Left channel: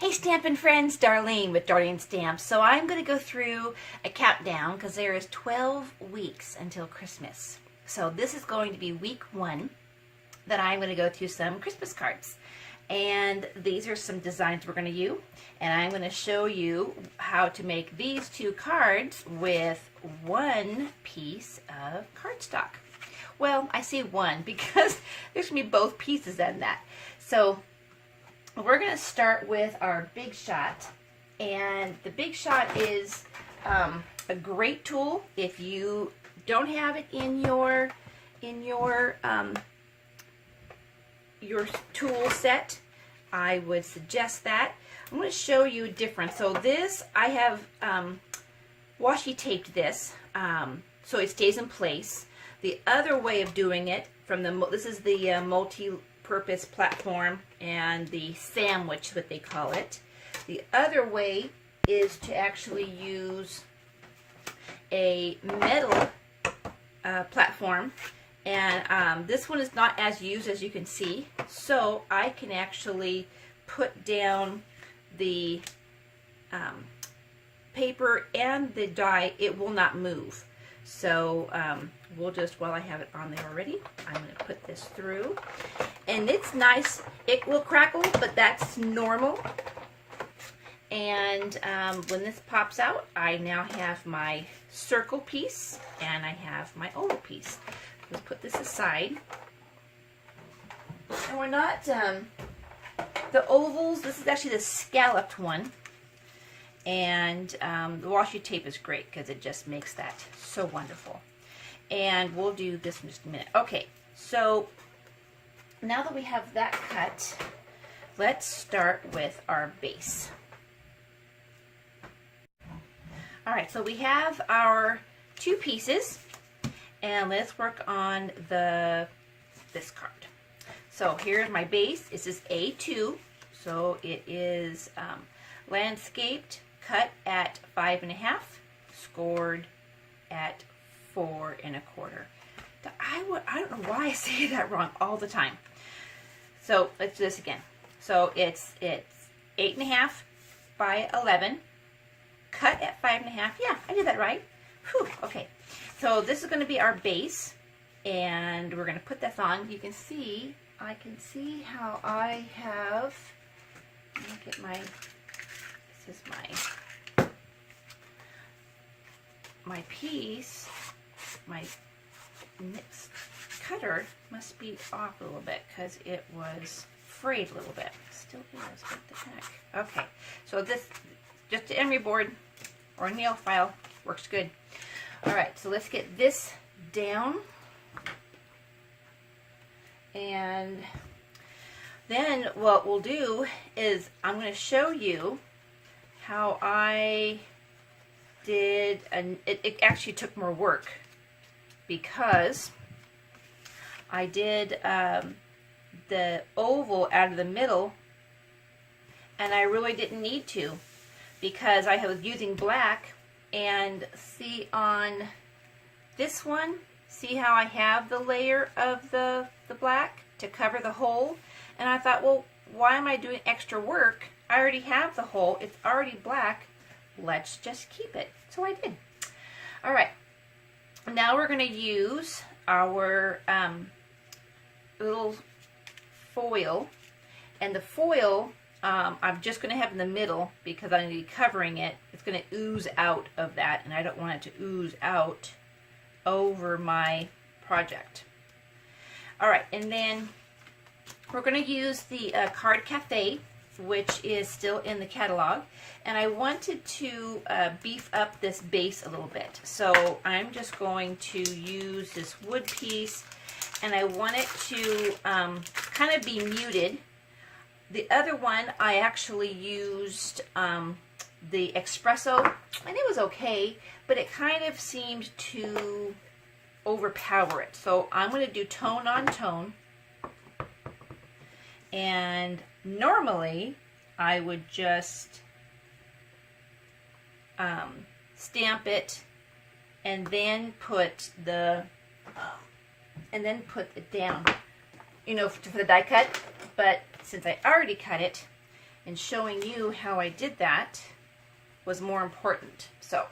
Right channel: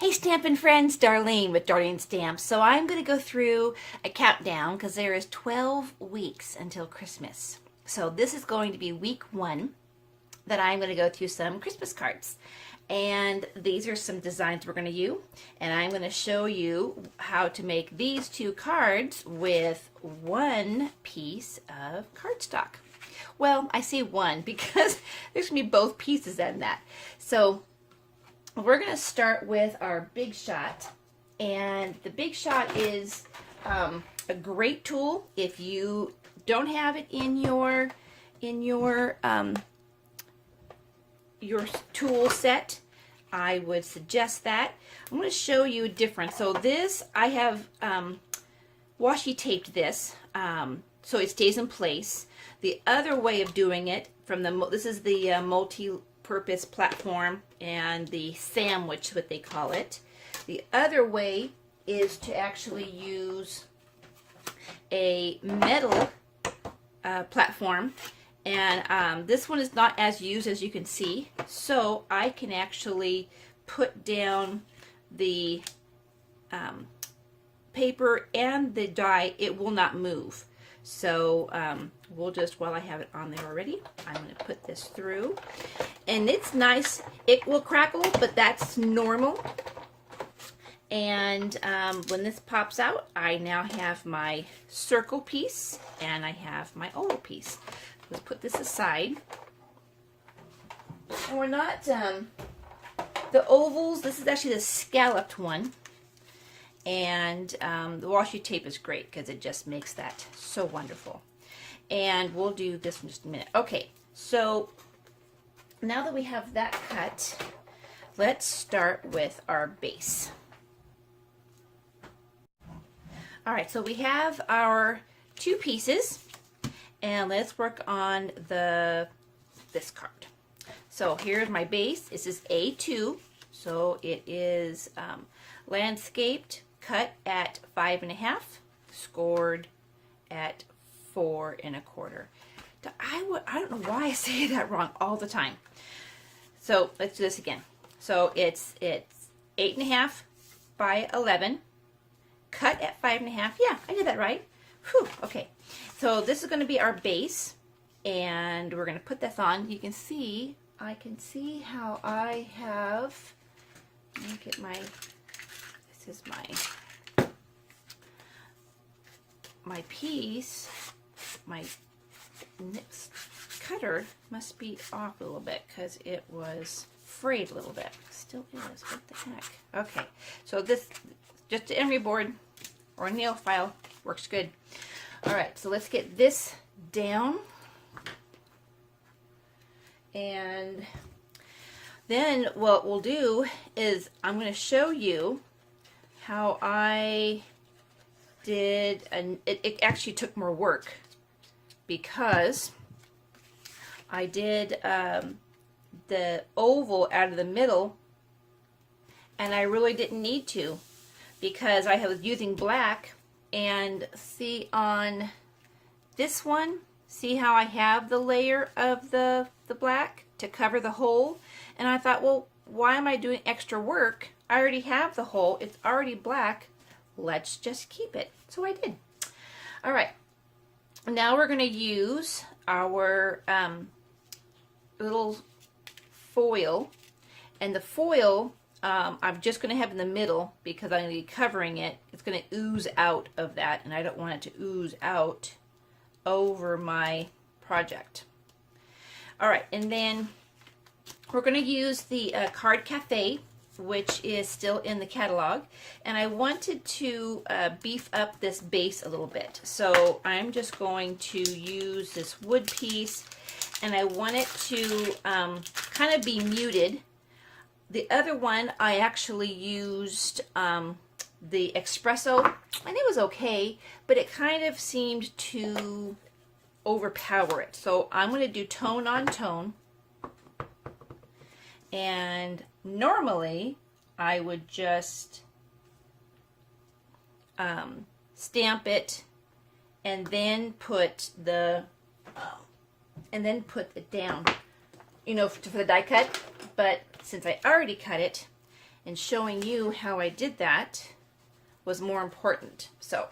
Hey Stampin' friends, Darlene with Darling Stamps. So I'm going to go through a countdown because there is 12 weeks until Christmas. So this is going to be week 1 that I'm going to go through some Christmas cards. And these are some designs we're going to use. And I'm going to show you how to make these 2 cards with 1 piece of cardstock. Well, I say 1 because there's going to be both pieces in that. So we're going to start with our Big Shot, and the Big Shot is a great tool if you don't have it in your tool set. I would suggest that. I'm going to show you a difference. So this, I have washi taped this so it stays in place. The other way of doing it, this is the multi-purpose platform and the sandwich, what they call it. The other way is to actually use a metal platform, and this one is not as used as you can see, so I can actually put down the paper and the die. It will not move. So we'll just, while I have it on there already, I'm going to put this through. And it's nice. It will crackle, but that's normal. And when this pops out, I now have my circle piece and I have my oval piece. Let's put this aside. And we're not, the ovals, this is actually the scalloped one. And the washi tape is great because it just makes that so wonderful. And we'll do this in just a minute. Okay, so now that we have that cut, let's start with our base. All right, so we have our 2 pieces, and let's work on this card. So here's my base. This is A2, so it is landscaped, cut at 5.5, scored at 4 1/4. I don't know why I say that wrong all the time. So let's do this again. So it's 8.5 by 11, cut at 5.5. Yeah, I did that right. Whew, okay. So this is going to be our base, and we're going to put this on. You can see, I can see how I have, let me get my, this is my piece, my cutter must be off a little bit because it was frayed a little bit. Still is, what the heck. Okay, so this, just an emery board or a nail file works good. All right, so let's get this down. And then what we'll do is I'm going to show you how I did, and it actually took more work because I did the oval out of the middle, and I really didn't need to because I was using black. And see on this one, see how I have the layer of the black to cover the hole, and I thought, well, why am I doing extra work? I already have the hole, it's already black, let's just keep it. So I did. All right, now we're going to use our little foil, and the foil I'm just going to have in the middle because I'm going to be covering it. It's going to ooze out of that, and I don't want it to ooze out over my project. All right, and then we're going to use the Card Café, which is still in the catalog, and I wanted to beef up this base a little bit. So I'm just going to use this wood piece, and I want it to kind of be muted. The other one, I actually used the espresso, and it was okay, but it kind of seemed to overpower it. So I'm going to do tone on tone, and normally I would just stamp it and then put it down, you know, for the die cut. But since I already cut it, and showing you how I did that was more important. So,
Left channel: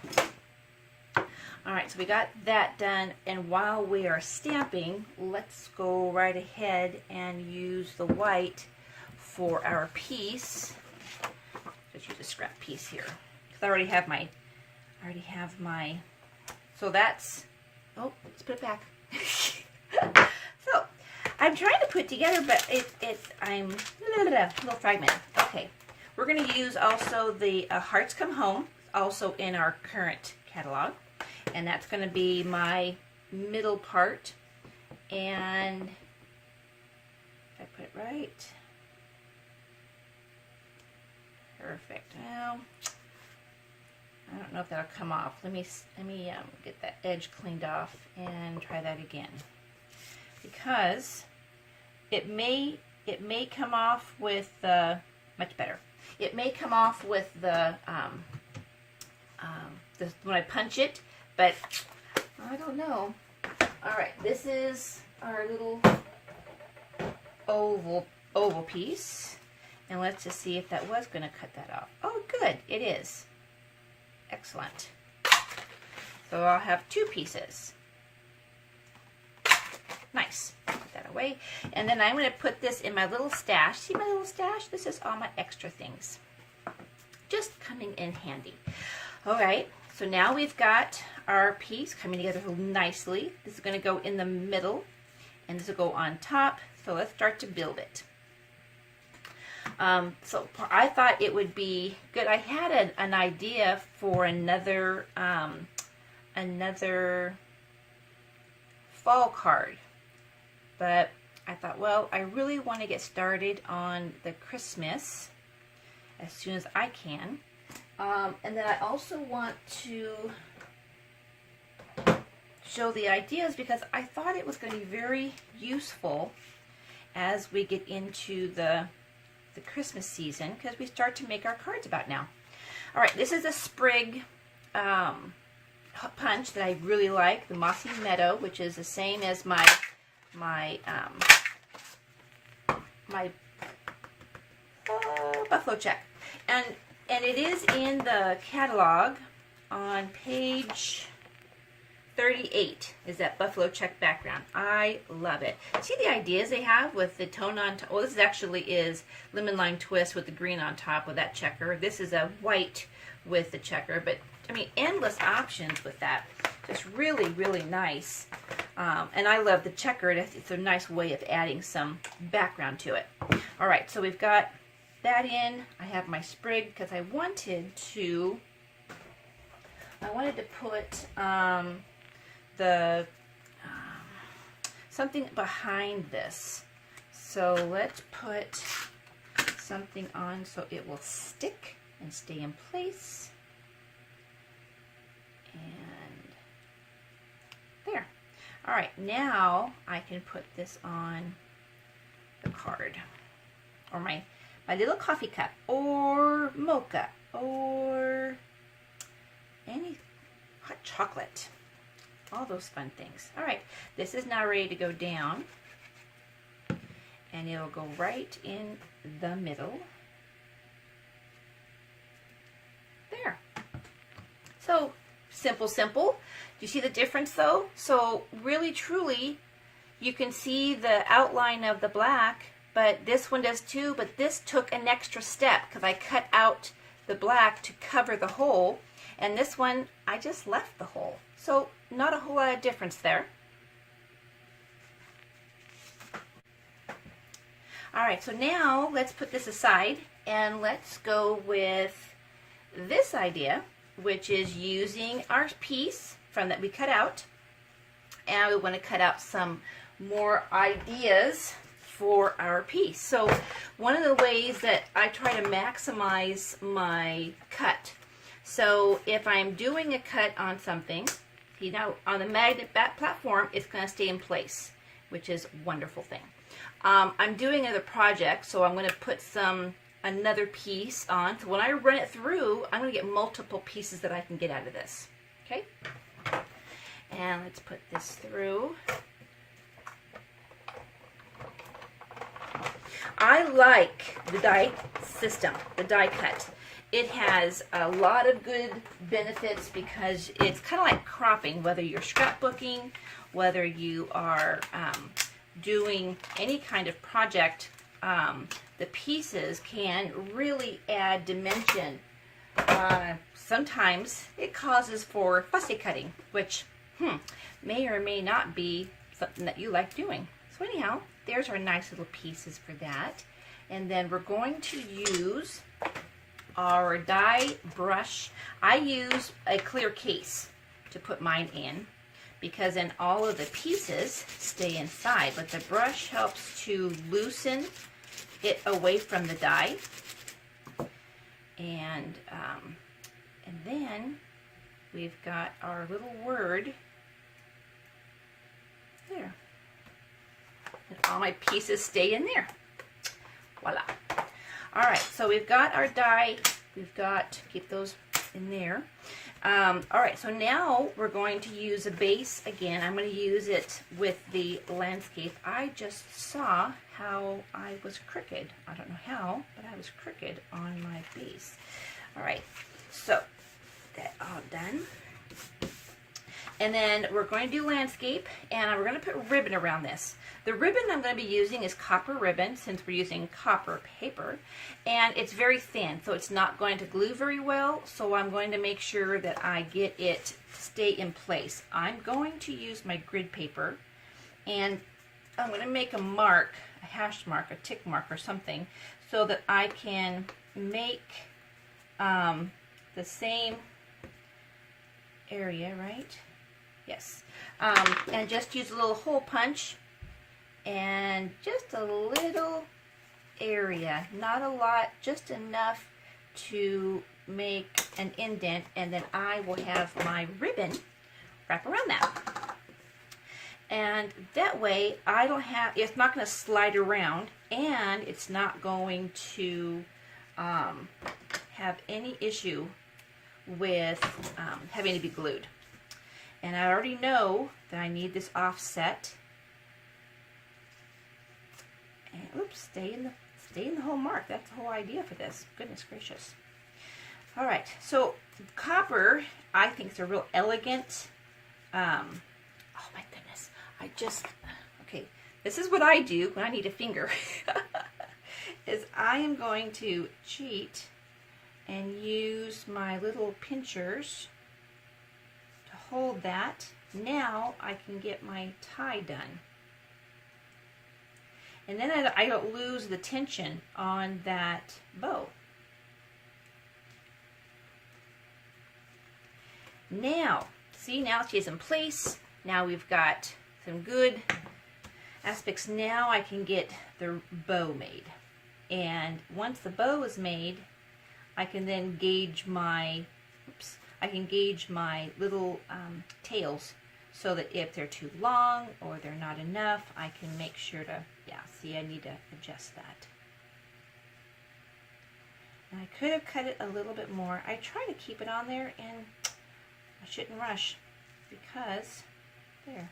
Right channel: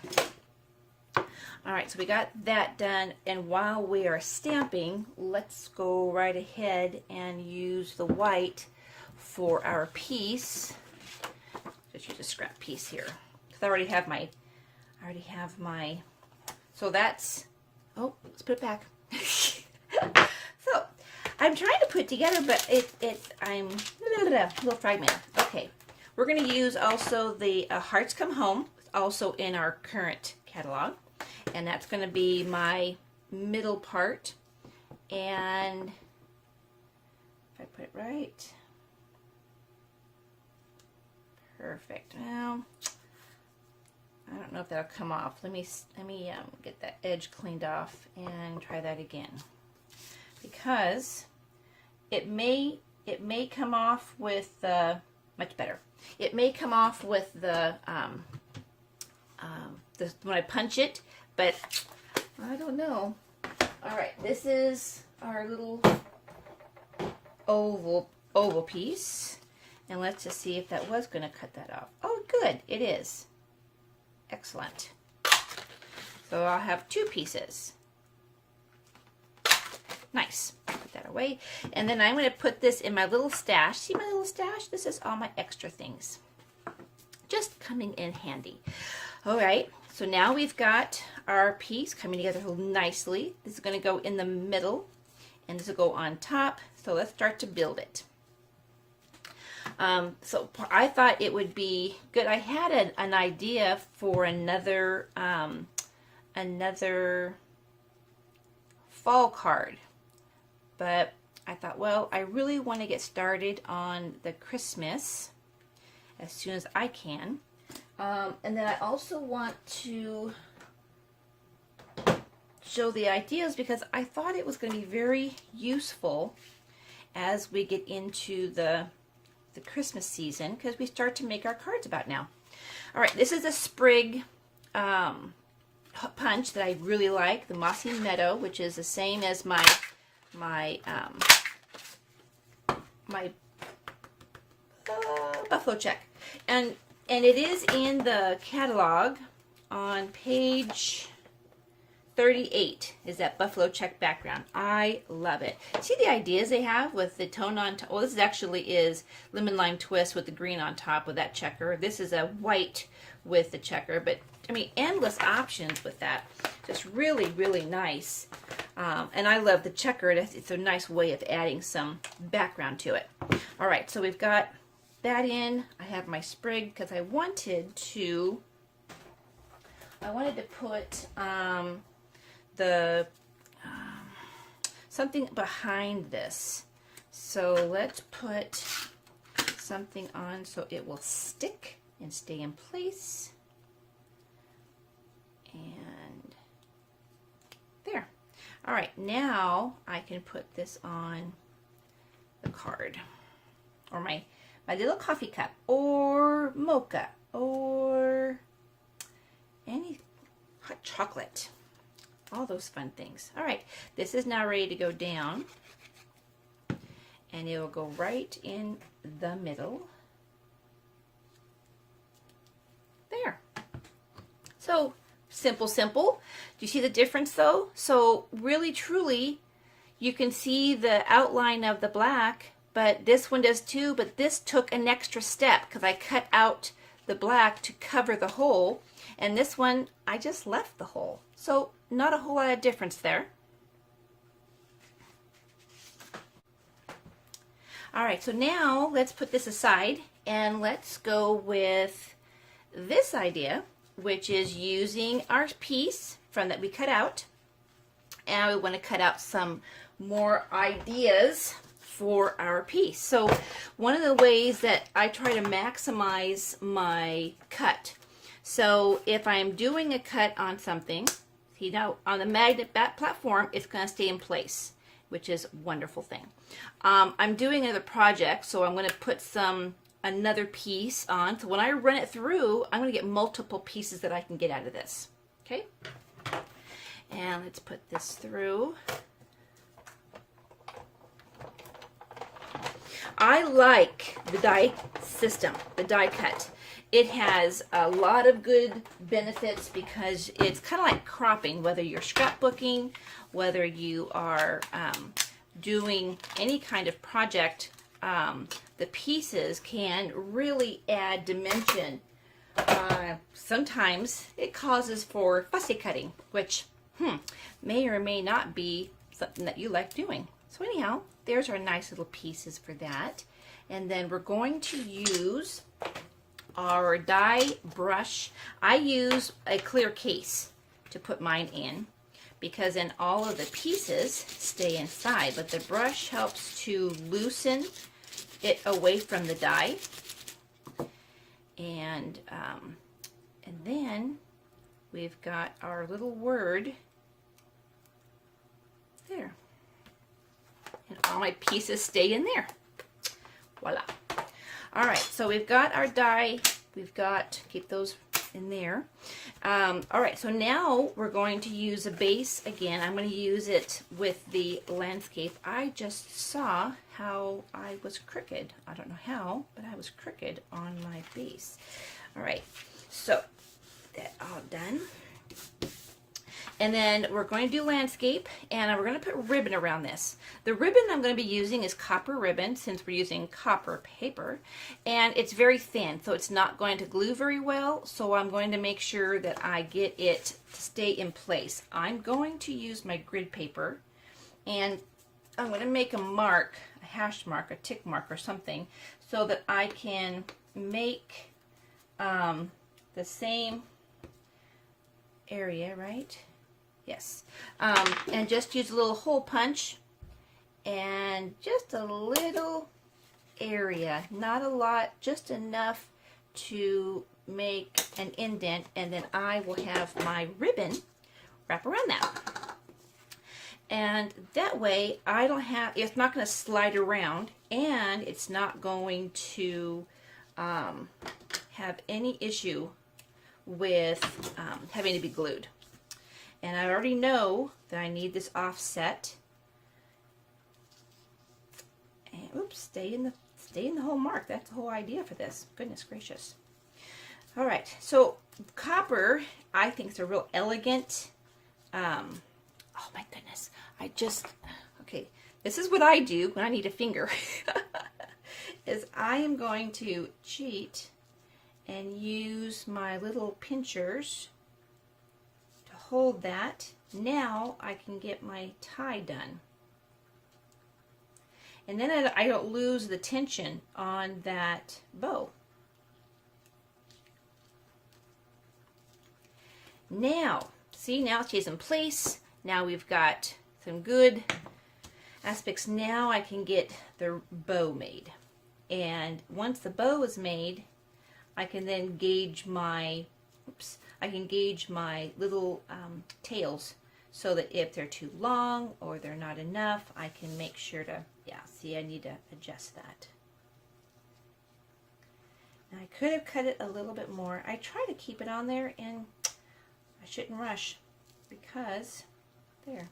all right, so we got that done, and while we are stamping, let's go right ahead and use the white for our piece. Just use a scrap piece here, because I already have my, so that's, oh, let's put it back. So, I'm trying to put together, but I'm a little fragmented. Okay, we're going to use also the Hearts Come Home, also in our current catalog. And that's going to be my middle part. And if I put it right, perfect. Now, I don't know if that'll come off. Let me get that edge cleaned off and try that again, because it may come off with much better. It may come off with the when I punch it. But I don't know. All right, this is our little oval piece, and let's just see if that was going to cut that off. Oh, good, it is. Excellent. So I'll have two pieces. Nice. Put that away, and then I'm going to put this in my little stash. See my little stash? This is all my extra things, just coming in handy. All right. So now we've got our piece coming together nicely. This is going to go in the middle, and this will go on top. So let's start to build it. So I thought it would be good. I had an idea for another fall card, but I thought, well, I really want to get started on the Christmas as soon as I can. And then I also want to show the ideas, because I thought it was going to be very useful as we get into the Christmas season, because we start to make our cards about now. All right, this is a sprig punch that I really like, the Mossy Meadow, which is the same as my buffalo check, and it is in the catalog on page 38, is that buffalo check background. I love it. See the ideas they have with the tone on top? Well, this actually is lemon lime twist with the green on top with that checker. This is a white with the checker, but I mean, endless options with that. Just really, really nice. And I love the checker. It's a nice way of adding some background to it. All right, so we've got that in. I have my sprig because I wanted to put something behind this. So let's put something on so it will stick and stay in place. And there. All right, now I can put this on the card, or my little coffee cup, or mocha, or any hot chocolate. All those fun things. All right, this is now ready to go down, and it will go right in the middle. There. So simple, simple. Do you see the difference though? So really, truly, you can see the outline of the black, but this one does too, but this took an extra step because I cut out the black to cover the hole, and this one, I just left the hole. So not a whole lot of difference there. All right, so now let's put this aside and let's go with this idea, which is using our piece from that we cut out, and we want to cut out some more ideas for our piece. So one of the ways that I try to maximize my cut, so if I'm doing a cut on something, you know, on the magnet back platform, it's going to stay in place, which is a wonderful thing. I'm doing another project, so I'm going to put another piece on. So when I run it through, I'm going to get multiple pieces that I can get out of this. Okay? And let's put this through. I like the die system, the die cut. It has a lot of good benefits because it's kind of like cropping, whether you're scrapbooking, whether you are doing any kind of project, the pieces can really add dimension. Sometimes it causes for fussy cutting, which may or may not be something that you like doing. So anyhow, there's our nice little pieces for that. And then we're going to use our die brush. I use a clear case to put mine in because then all of the pieces stay inside, but the brush helps to loosen it away from the die. And then we've got our little word there. And all my pieces stay in there. Voila. All right, so we've got our die. We've got, keep those in there. All right, so now we're going to use a base again. I'm going to use it with the landscape. I just saw how I was crooked. I don't know how, but I was crooked on my base. All right, so that all done. And then we're going to do landscape, and we're going to put ribbon around this. The ribbon I'm going to be using is copper ribbon, since we're using copper paper, and it's very thin, so it's not going to glue very well, so I'm going to make sure that I get it to stay in place. I'm going to use my grid paper, and I'm going to make a mark, a hash mark, a tick mark or something, so that I can make the same area, right? Yes. And just use a little hole punch and just a little area, not a lot, just enough to make an indent, and then I will have my ribbon wrap around that. And that way I don't have, it's not going to slide around, and it's not going to have any issue with having to be glued. And I already know that I need this offset. And oops, stay in the whole mark. That's the whole idea for this. Goodness gracious. All right, so copper, I think, is a real elegant. Oh my goodness! Okay. This is what I do when I need a finger. Is I am going to cheat and use my little pinchers to hold that. Now I can get my tie done. And then I don't lose the tension on that bow. Now, see, now she's in place. Now we've got some good aspects. Now I can get the bow made. And once the bow is made, I can then gauge my, little tails, so that if they're too long or they're not enough, I can make sure to, see, I need to adjust that. And I could have cut it a little bit more. I try to keep it on there, and I shouldn't rush because, there.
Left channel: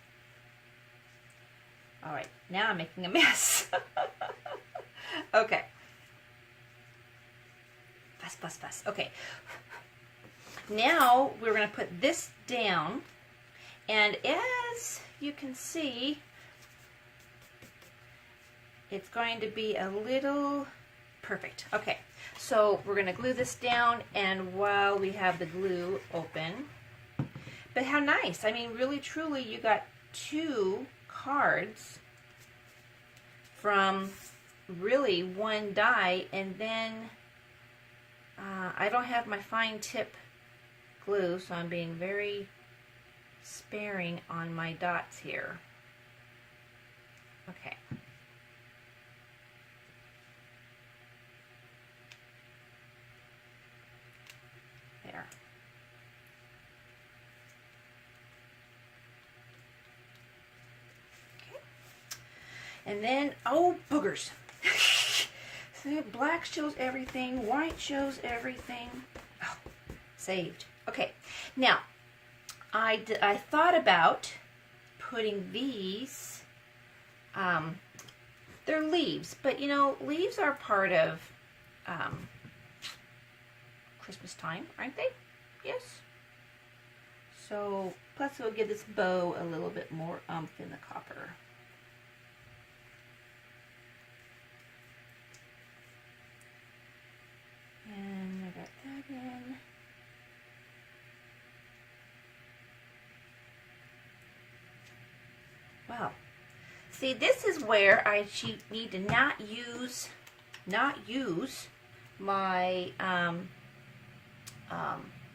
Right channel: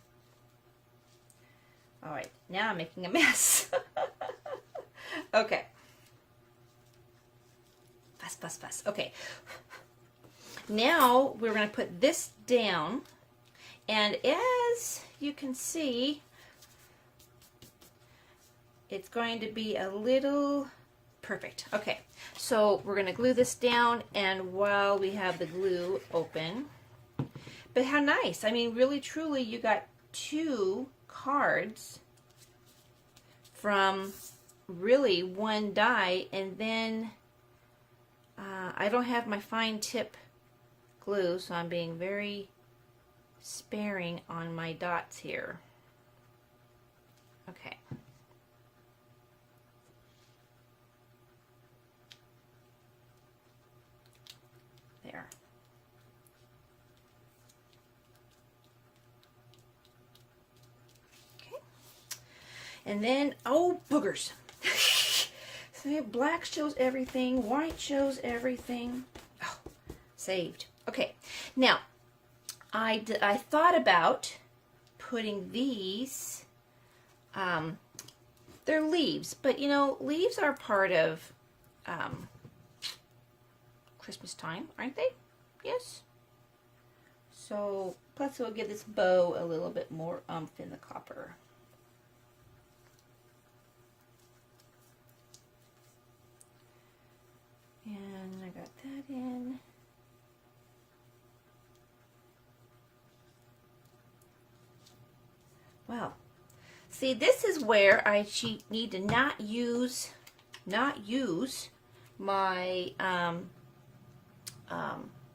All right, now I'm making a mess. Okay. Fuss. Okay. Now we're going to put this down, and as you can see, it's going to be a little perfect. Okay, so we're going to glue this down, and while we have the glue open, but how nice. I mean, really, truly, you got 2 cards from really one die, and then I don't have my fine tip glue, so I'm being very sparing on my dots here. Okay. There. Okay. And then, oh, boogers. See, black shows everything, white shows everything. Oh, saved. Okay, now, I thought about putting these they're leaves, but you know, leaves are part of Christmas time, aren't they? Yes. So, plus it will give this bow a little bit more oomph in the copper. And I got that in. Wow. See, this is where I need to not use my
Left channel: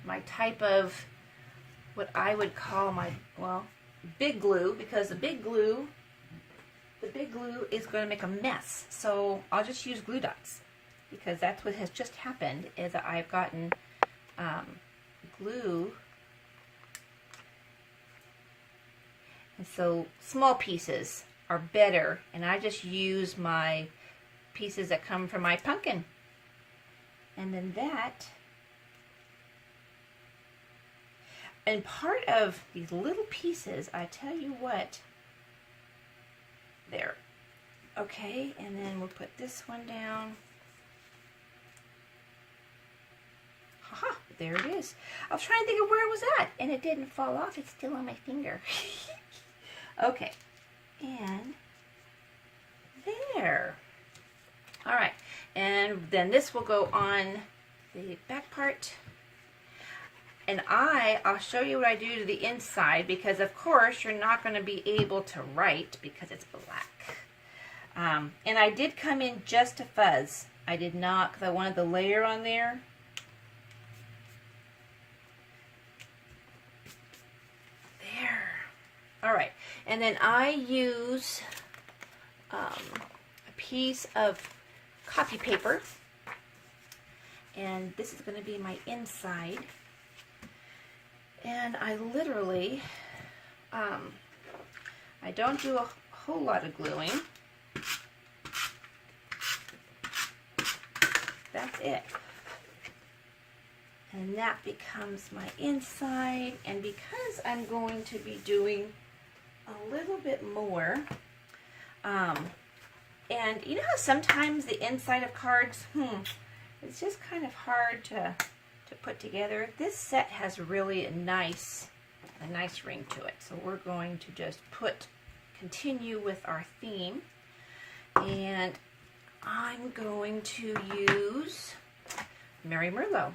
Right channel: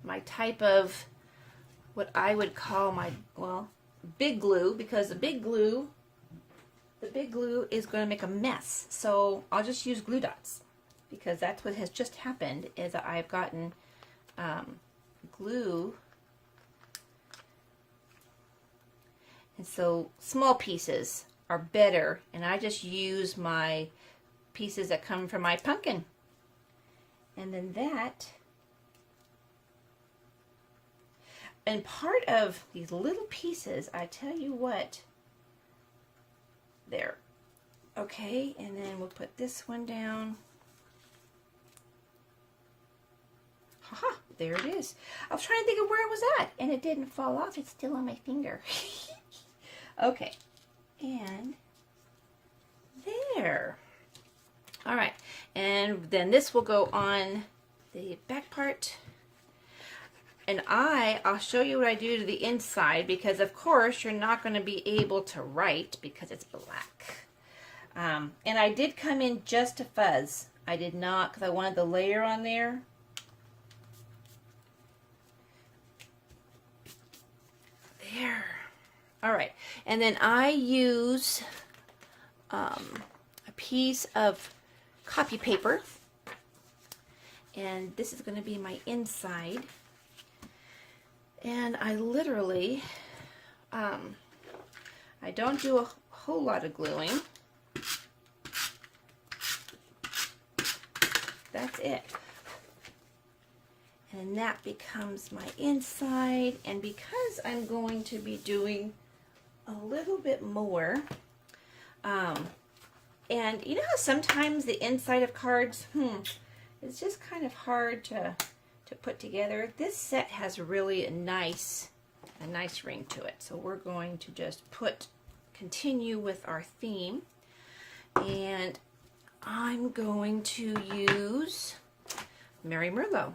my type of what I would call my, well, big glue, because the big glue is going to make a mess. So I'll just use glue dots, because that's what has just happened, is that I've gotten glue. And so small pieces are better, and I just use my pieces that come from my pumpkin. And then that, and part of these little pieces, I tell you what, there. Okay, and then we'll put this one down. Haha, there it is. I was trying to think of where it was at, and it didn't fall off. It's still on my finger. Okay, and there. All right, and then this will go on the back part. And I'll show you what I do to the inside, because of course you're not going to be able to write because it's black. And I did come in just a fuzz. I did not, because I wanted the layer on there. There. All right, and then I use a piece of copy paper, and this is going to be my inside. And I literally, I don't do a whole lot of gluing. That's it. And that becomes my inside. And because I'm going to be doing a little bit more, and you know how sometimes the inside of cards, it's just kind of hard to put together. This set has really a nice ring to it. So we're going to just continue with our theme, and I'm going to use Merry Merlot.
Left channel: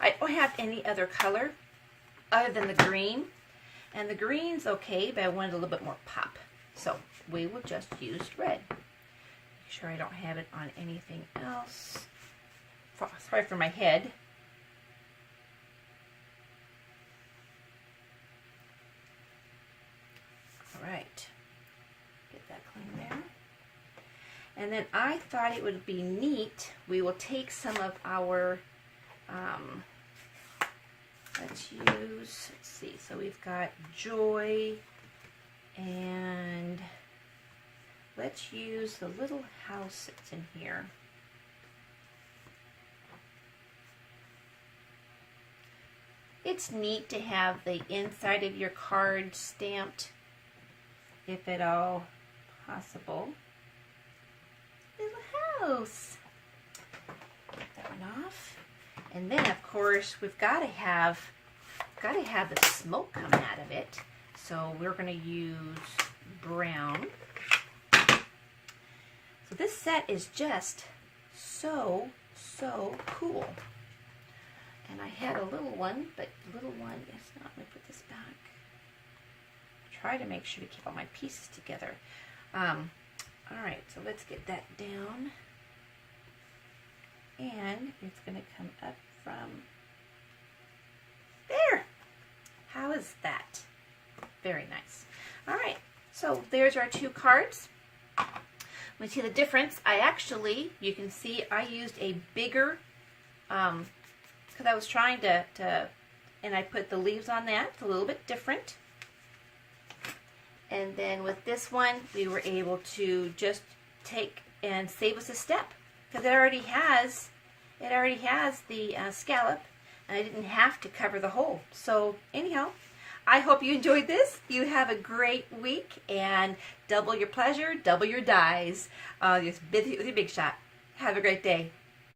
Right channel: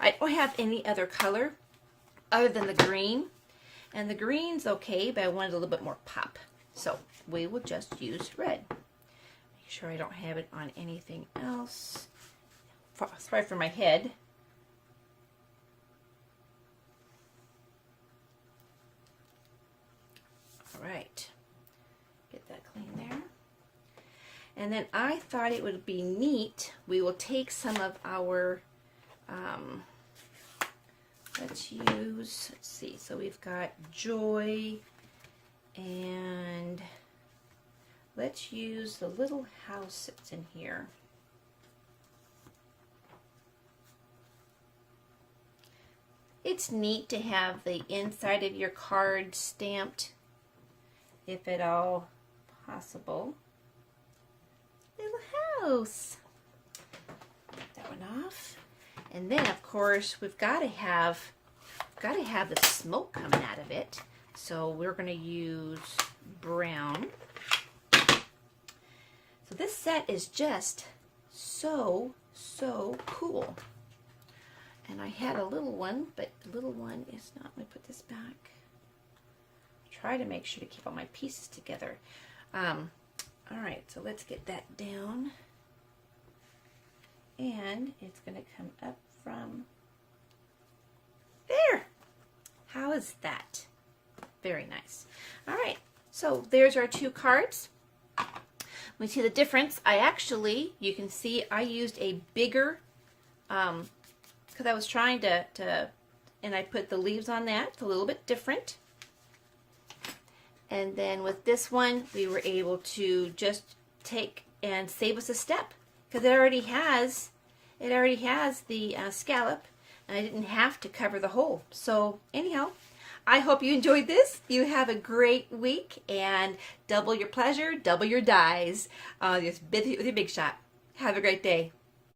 I don't have any other color other than the green, and the green's okay, but I wanted a little bit more pop. So we will just use red. Make sure I don't have it on anything else. Sorry for my head. All right, get that clean there. And then I thought it would be neat. We will take some of our, let's see, so we've got Joy, and let's use the little house that's in here. It's neat to have the inside of your card stamped, if at all possible. Little house. Get that one off. And then of course we've got to have the smoke coming out of it. So we're going to use brown. So this set is just so cool. And I had a little one, but the little one is not. Let me put this back. Try to make sure to keep all my pieces together. All right, so let's get that down. And it's going to come up from there. How is that? Very nice. All right, so there's our two cards. We see the difference. You can see I used a bigger, because I was trying to, and I put the leaves on that. It's a little bit different. And then with this one, we were able to just take and save us a step, because it already has the scallop, and I didn't have to cover the hole. So anyhow, I hope you enjoyed this. You have a great week, and double your pleasure, double your dies. Just with your big shot. Have a great day.